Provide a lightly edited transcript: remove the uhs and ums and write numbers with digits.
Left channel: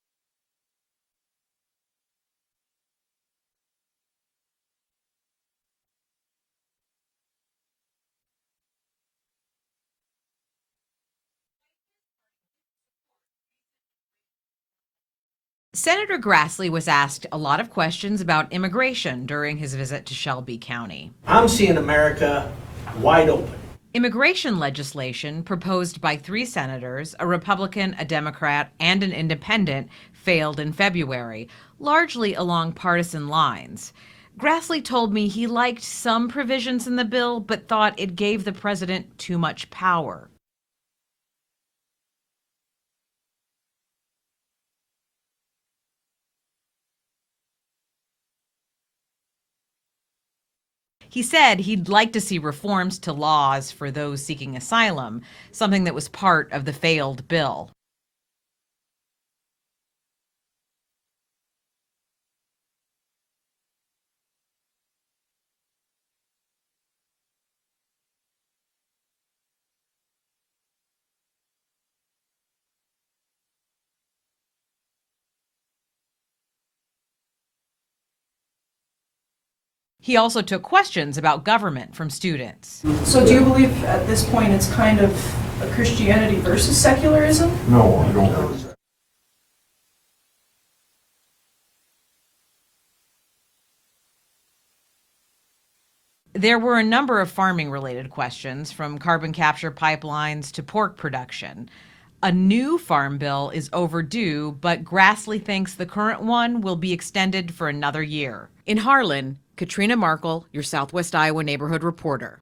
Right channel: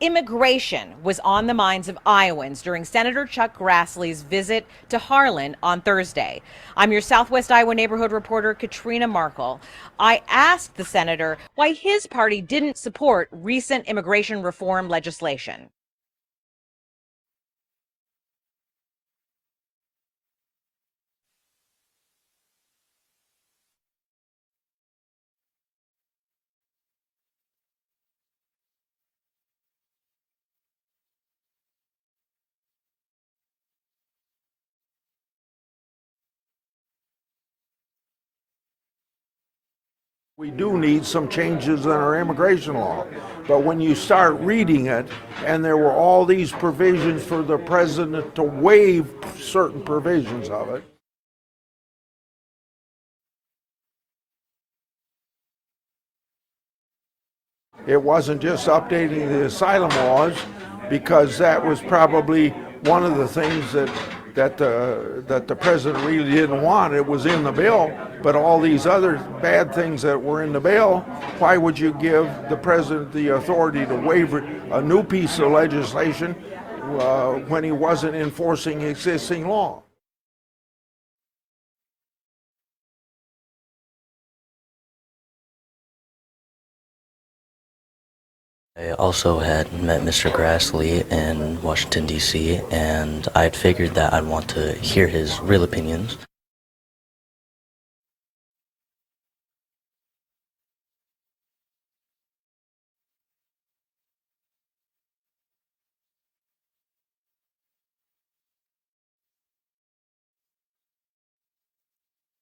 Immigration was on the minds of Iowans during Senator Chuck Grassley's visit to Harlan on Thursday. I'm your Southwest Iowa neighborhood reporter, Katrina Markle. I asked the senator why his party didn't support recent immigration reform legislation. Senator Grassley was asked a lot of questions about immigration during his visit to Shelby County. I'm seeing America wide open. Immigration legislation proposed by 3 senators, a Republican, a Democrat, and an independent, failed in February, largely along partisan lines. Grassley told me he liked some provisions in the bill, but thought it gave the president too much power. We do need some changes in our immigration law, but when you start reading it, and there were all these provisions for the president to waive certain provisions of it. He said he'd like to see reforms to laws for those seeking asylum, something that was part of the failed bill. It wasn't just updating the asylum laws, because that was probably one of the things that the president really didn't want. It was in the bill, but all these other bad things that were in the bill, why would you give the president the authority to waive a new piece of legislation when he wasn't enforcing existing law? He also took questions about government from students. So do you believe at this point it's kind of a Christianity versus secularism? No, I don't. I also had met Mr. Grassley in Washington, D.C., and I'd figured that I'd want to hear his real opinions. There were a number of farming-related questions, from carbon capture pipelines to pork production. A new farm bill is overdue, but Grassley thinks the current one will be extended for another year. In Harlan, Katrina Markle, your Southwest Iowa neighborhood reporter.